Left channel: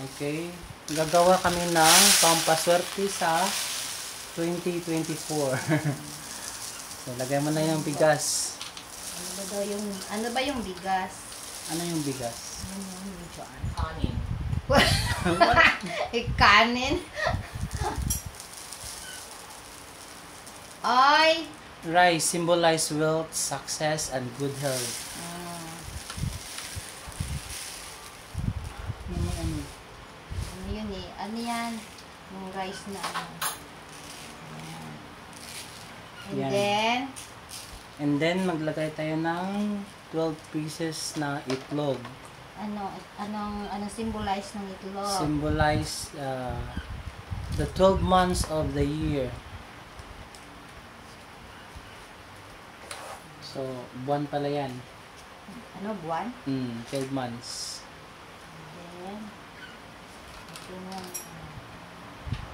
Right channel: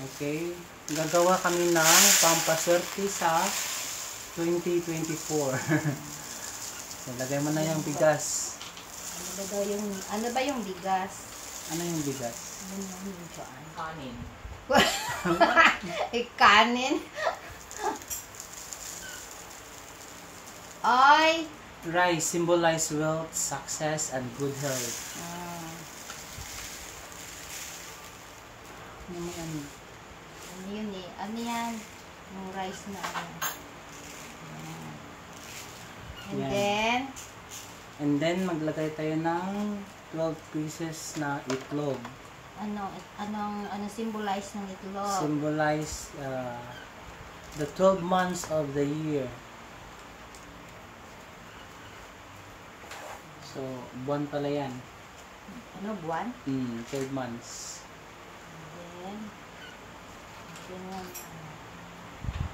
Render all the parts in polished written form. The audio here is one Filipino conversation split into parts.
Okay? Gagawa kami ng pampaswerte sa 2024. So, lagay mo na yung bigas. Ano ba yung bigas? Ano yung bigas? Ano yung saan? Kanin. Kanin? Ay! Rice symbolize wealth, success, and good health. Ano yun eh? Ano yan? Yung rice na ano. Ayan. Yan. And then, maglagay tayo ng 12 pieces na itlog. Anong symbolize ng itlog? Symbolize the 12 months of the year. So, buwan pala yan. Ano, buwan? 12 months.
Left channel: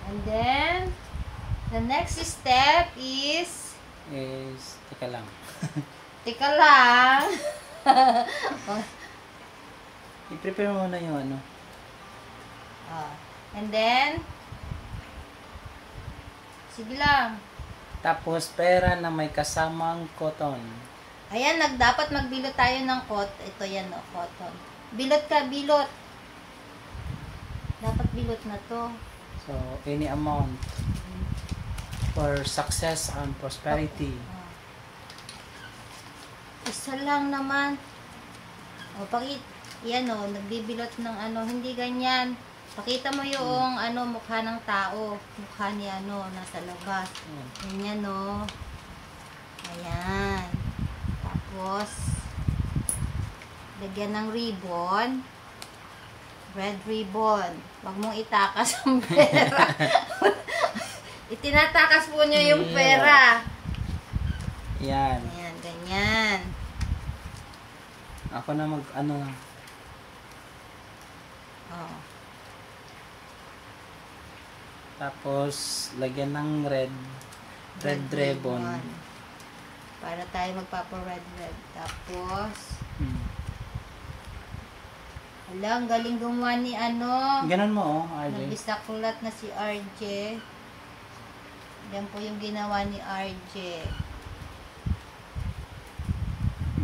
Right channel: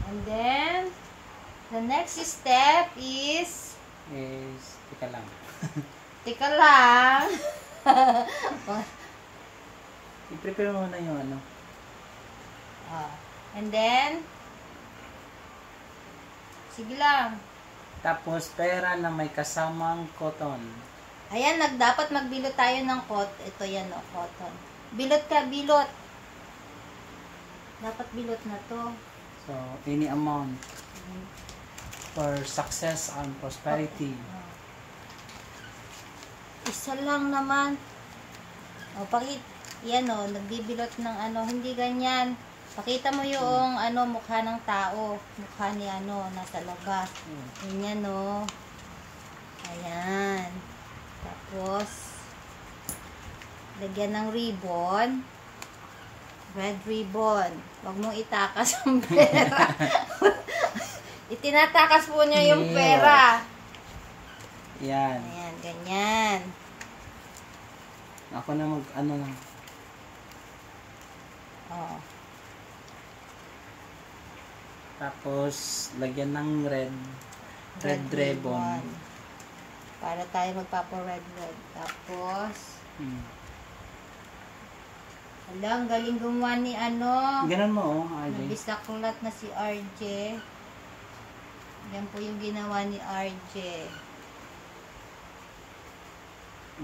And then, the next step is... Teka lang. Teka lang. I-prepare muna yung ano. And then, sige lang. Tapos, pera na may kasamang cotton. Ayan, dapat magbilot tayo ng cotton. Ito yan, cotton. Bilot ka, bilot. Dapat bilot na to. So, any amount for success and prosperity. Isa lang naman. Yan nagbibilot ng hindi ganyan. Pakita mo yung mukha ng tao. Mukha ni nasa labas. Ganyan Ayan. Tapos, lagyan ng ribbon. Red ribbon. Huwag mong itakas ang pera. Itinatakas po niya yung pera. Yan. Ayan, ganyan. Ako na Tapos, lagyan ng red ribbon. Para tayo magpapa-red. Tapos, ang galing gumawa ni Ganun mo, RJ. Nabisaklat na si RJ. Yan po yung ginawa ni RJ.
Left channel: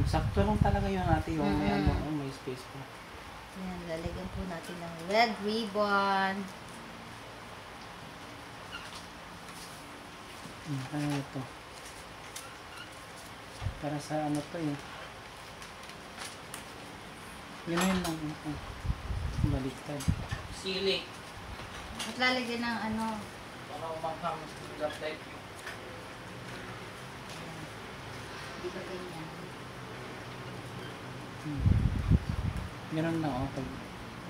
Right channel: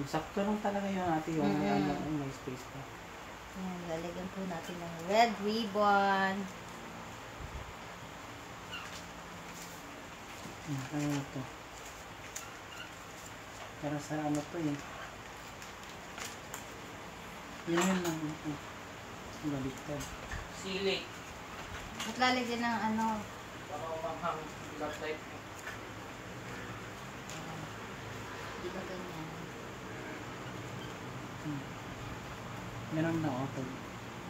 Sakto lang talaga yung ating may space pa. Yan, lalagyan po natin ng red ribbon. Ano ito? Para sa to eh. Yun lang. Baliktad. Sili. At lalagyan ng Para umanghang love life. Di ba ganyan? Ganun lang pag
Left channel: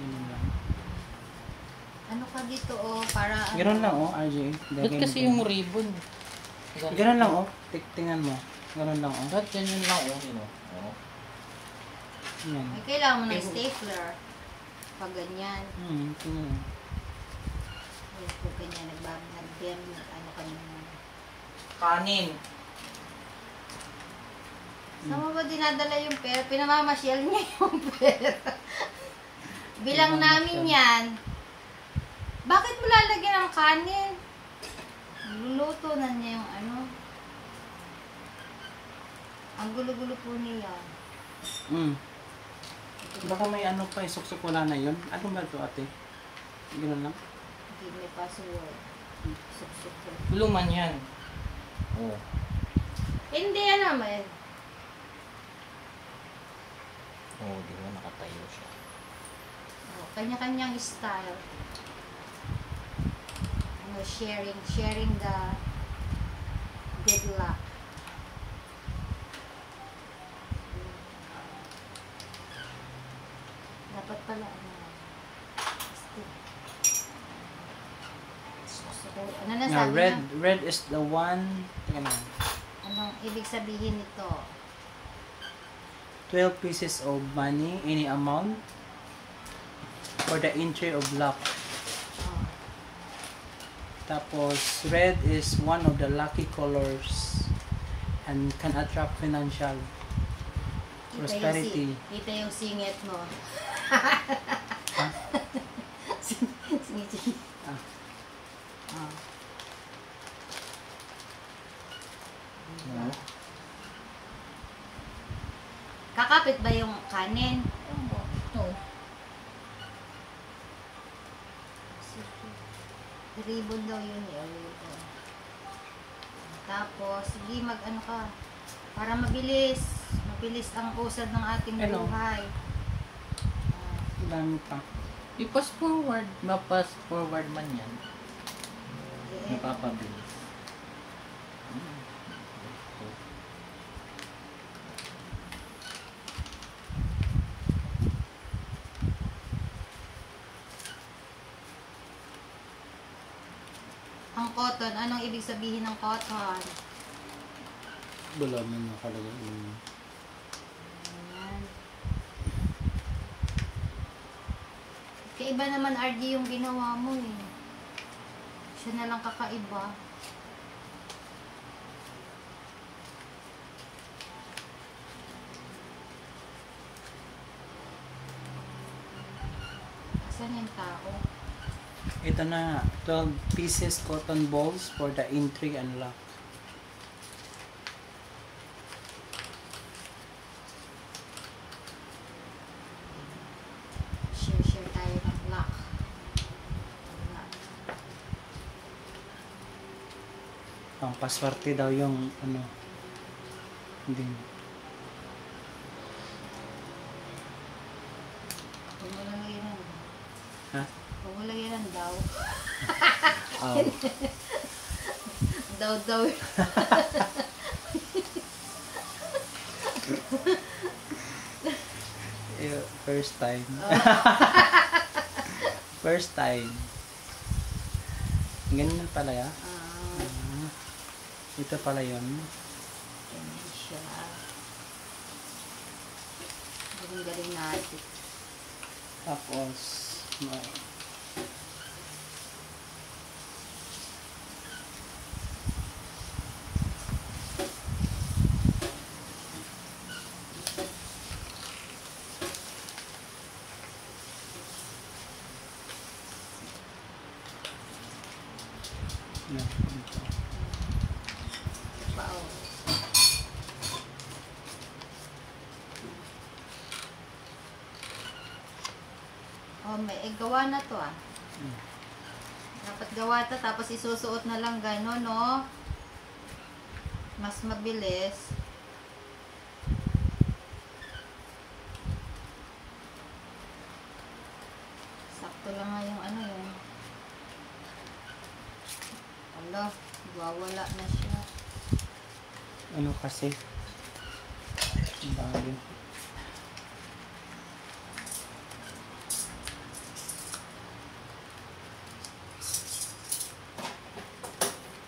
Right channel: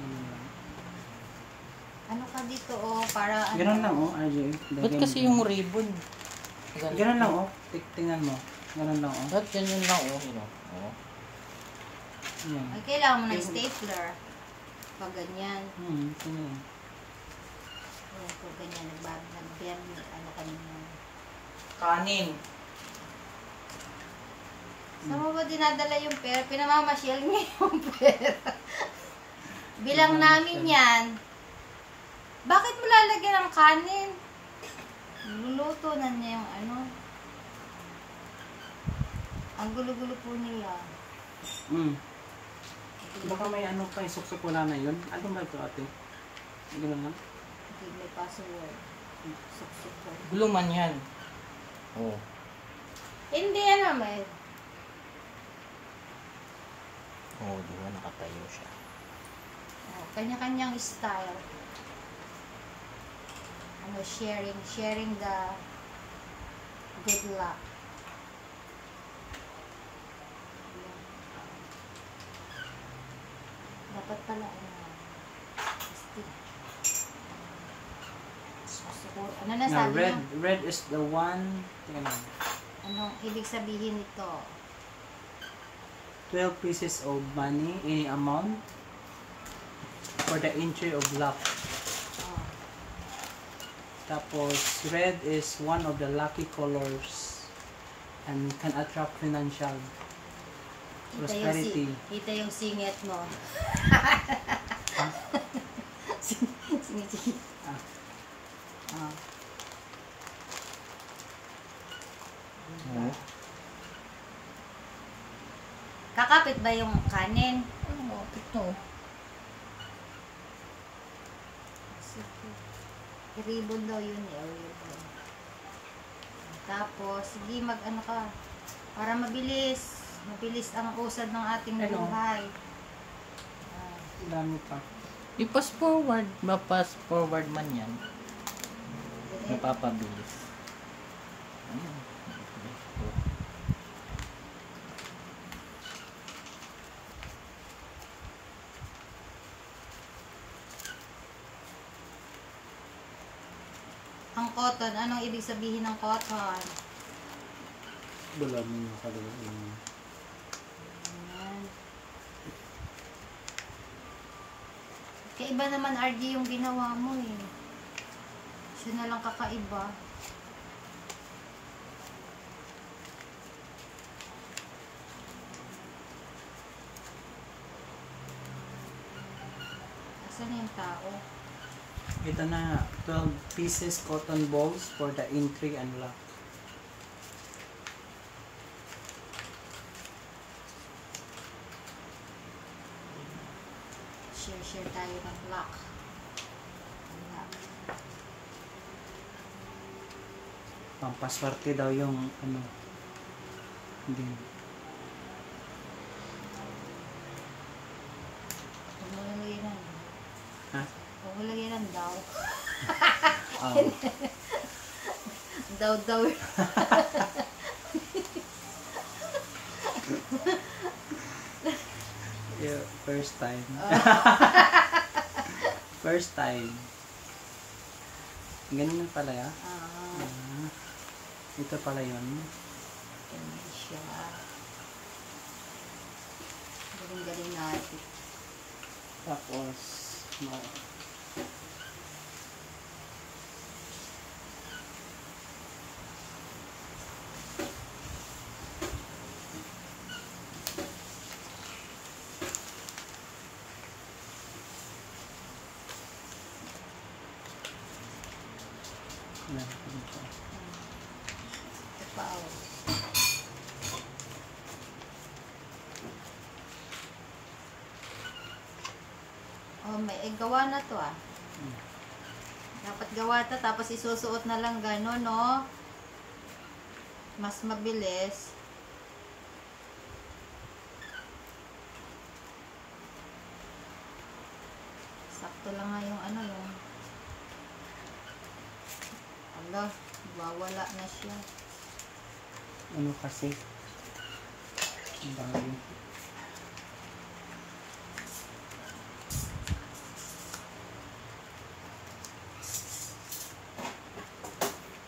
lang. Ano ka dito para Ganun lang RJ. Ba't kasi yung ribbon? Ganun lang tingnan mo. Ganun lang Ba't ganyan lang Yan. Ay, kailangan mo ng stapler. Pag ganyan. Tingnan. Ayan po ganyan. Nag-bem. Kanina. Kanin. Saan mo ba dinadala yung pera? Pinamamasyal niya yung pera. Bilang namin yan. Bakit mo lalagyan ng kanin? Luluto na niya yung Ang gulo-gulo po niya. Baka may pa, suksok wala na yun. Ano ba ito ate? Gano'n lang? Hindi, may password. Suksok po. Guluman yan. Hindi may. Di ba nakatayo siya. Kanya-kanyang style. Sharing the good luck. Dapat pala ano na sabi niya? Red is the one. Tingnan mo. Anong ibig sabihin nito? 12 pieces of money, any amount, for the entry of luck. Tapos, red is one of the lucky colors and can attract financial prosperity. Kita yung singit mo. ba yung kanin? Ito. Sige. Ribbon daw yun eh. Ribbon. Tapos, sige mag-ano ka. Para mabilis. Mabilis ang usad ng ating Hello. buhay. Ang dami pa. I-pass forward. Ma-pass forward man yan. Eh, Napapabilis. ang cotton, anong ibig sabihin ng cotton? Wala mo yung kalagay. Ayan. Kaiba naman RG yung ginawa mo eh. Siya na lang kakaiba. Asan na yung tao? Ito na, 12 pieces cotton balls for the entry and lock. Share tayo ng lock. Lock. Pampaswerte daw yung ano. Hindi. Huwag mo lagyan ng Ha? Huwag mo lagyan ng daw. Ah, Daw. yeah, first time. First time. Ganyan pala ya. Ah, ito pala yun. Ganun siya. Galing natin. Tapos, no. Yan, ito. Ito pa oh. Oh, may gawa na to ah. Hmm. Dapat gawa to tapos isusuot na lang gano'n, no? Mas mabilis. Sakto lang nga yung ano yung ala, wawala na siya. Ano kasi? Bali.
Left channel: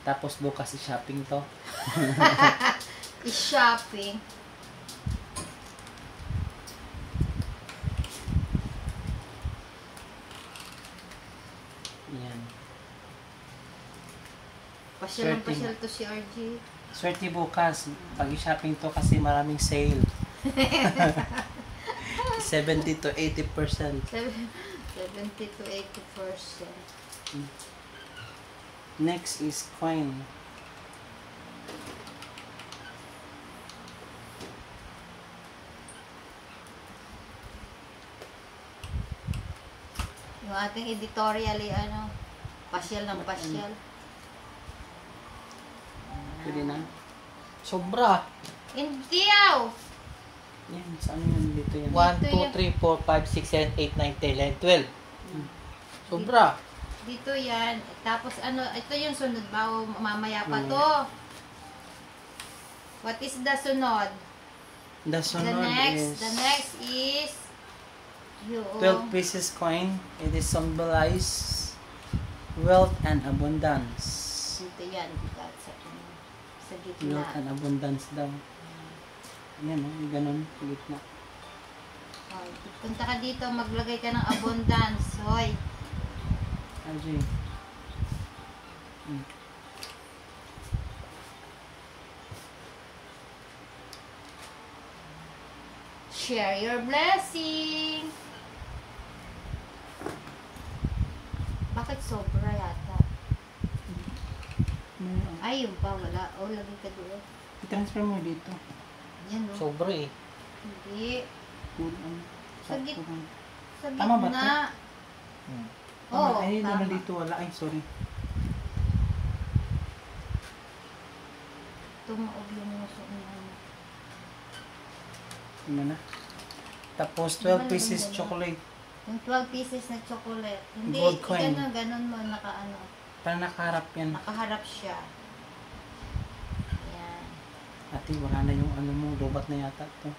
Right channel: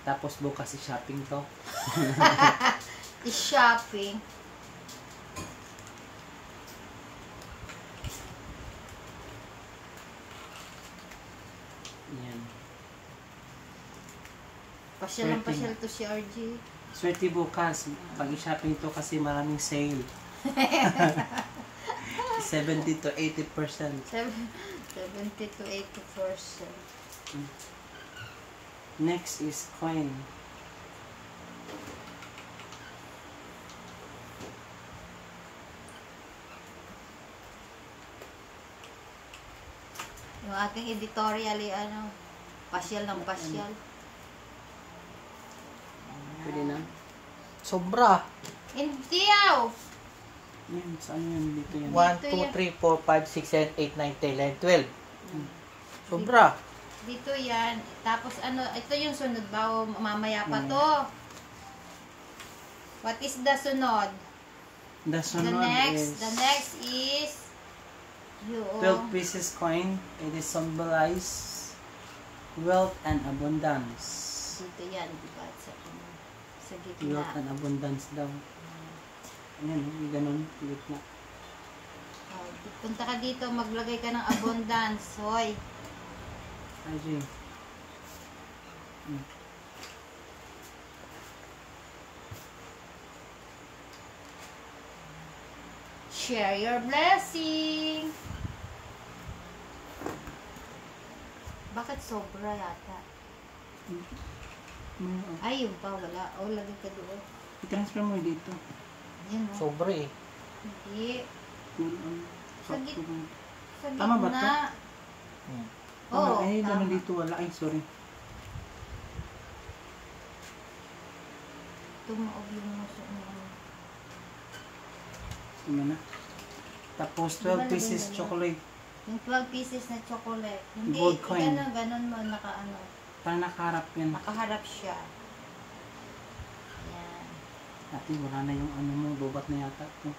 Tapos bukas i-shopping to. I-shopping. Yan. Pasyal Swerte. to si RG. Swerte bukas. Pag i-shopping to kasi maraming sale. 70 to 80%. 70 to 80%. Next is coin. Yung ating editorial, ano, pasyal ng pasyal. Pwede na. Sobra. Hindi oh! Yan, saan yan? Dito yan. 1, 2, 3, 4, 5, 6, 7, 8, 9, 10, 11, 12. Sobra. Dito yan. Tapos ano, ito yung sunod ba o mamaya pa Mamaya. to? What is the sunod? The sunod is The next is yung 12 pieces coin. It is symbolize wealth and abundance. dito yan, diba? Sa Wealth gitna. and abundance daw. Ayan, oh, ganun. Gitna. Oh, punta ka dito, maglagay ka ng abundance. Hoy. RJ. Share your blessing. Bakit sobra yata? Ay, yung pa, wala. O, lagay ka doon. I-transfer mo dito. Yan, no? Sobra eh. Hindi. Sa git- Sa Tama ba gitna. Hmm. Oo, Ay, naman tama. dito wala. Ay, sorry. Tumaob yung muso niya. Ano na? Tapos, Di ba 12 pieces naging chocolate. Yung 12 pieces na chocolate. Hindi, Gold coin. ganon mo, nakaano. Parang nakaharap yan. Nakaharap siya. Yan. Ate, wala na yung ano mo. Lubat na yata ito.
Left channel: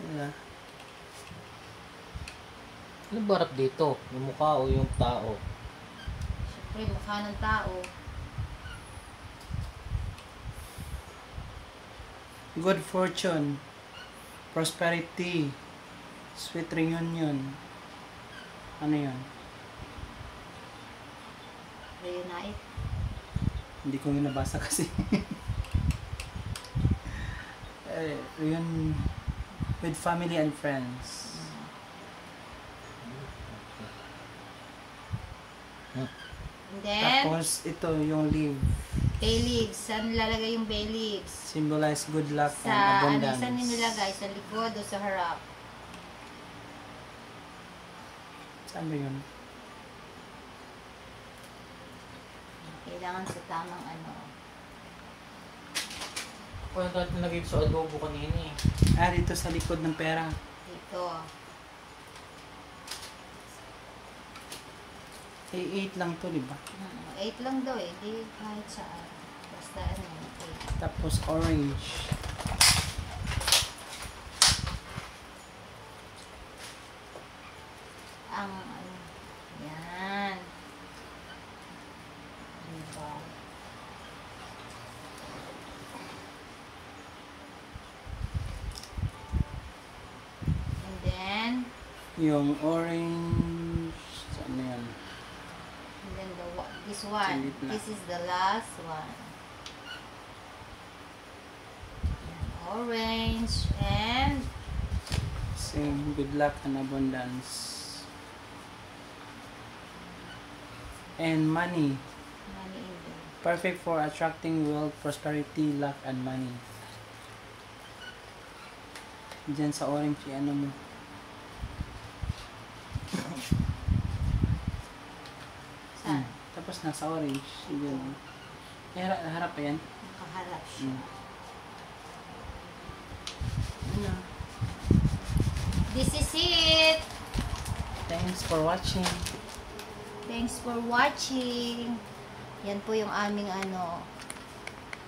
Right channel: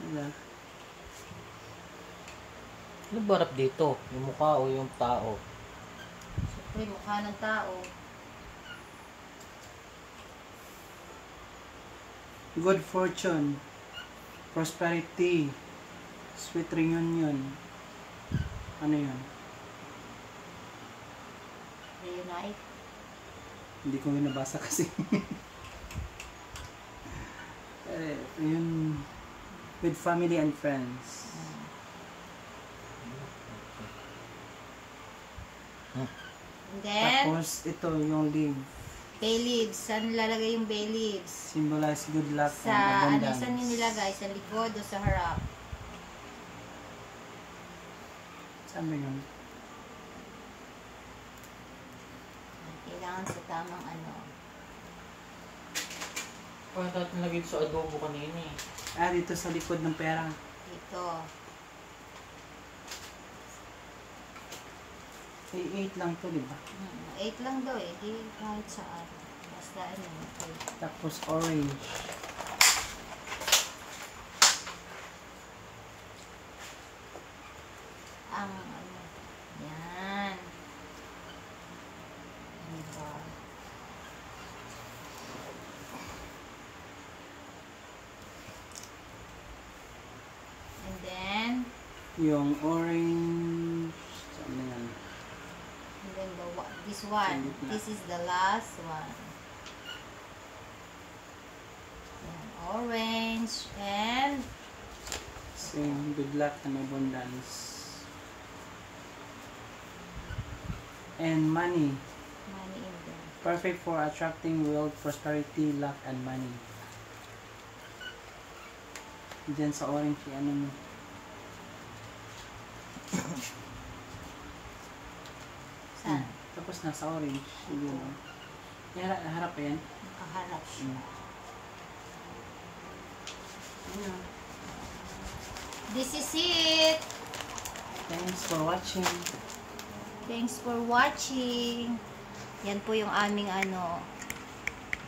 Wala. Ano ba harap dito? Yung mukha o yung tao? Siyempre, mukha ng tao. Good fortune. Prosperity. Sweet reunion. Ano yun? Reunite. Hindi ko nga nabasa kasi. Yun, with family and friends. And then, Tapos ito yung leaf. bay leaves. Saan nilalagay yung bay leaves? Symbolize good luck Sa, and ano, abundance. saan yung nilagay? Sa likod o sa harap? Saan ba yun? Kailangan sa tamang ano. Kaya natin nilagay sa adobo kanina eh. Ah, dito sa likod ng pera. Dito. Ay, 8 lang to, di ba? 8 lang daw eh. Di kahit saan. Basta ano, 8. Tapos orange. Ang ano. Yan. Diba? And then, Yung orange. Saan na yan? and then this one. Sa gitna. This is the last one. Yan, orange and Same, good luck and abundance. And money. money in there. Perfect for attracting wealth, prosperity, luck, and money. Diyan sa orange, ano mo. Saan? Tapos nasa orange. Yun. Harap pa yan. Nakaharap siya. Yeah. This is it. Thanks for watching. Thanks for watching. Yan po yung aming ano,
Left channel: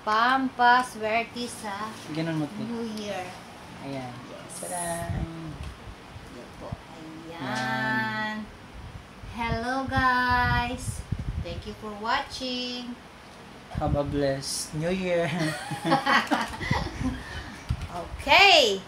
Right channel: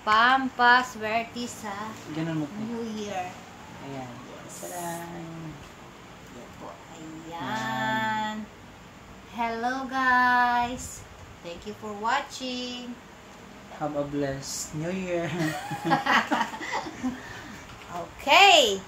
pampaswerte sa Ganun mo ito. New Year. Ayan. Yes. Tadaan. Yan po. Ayan. Hello guys. Thank you for watching. Have a blessed New Year. Okay.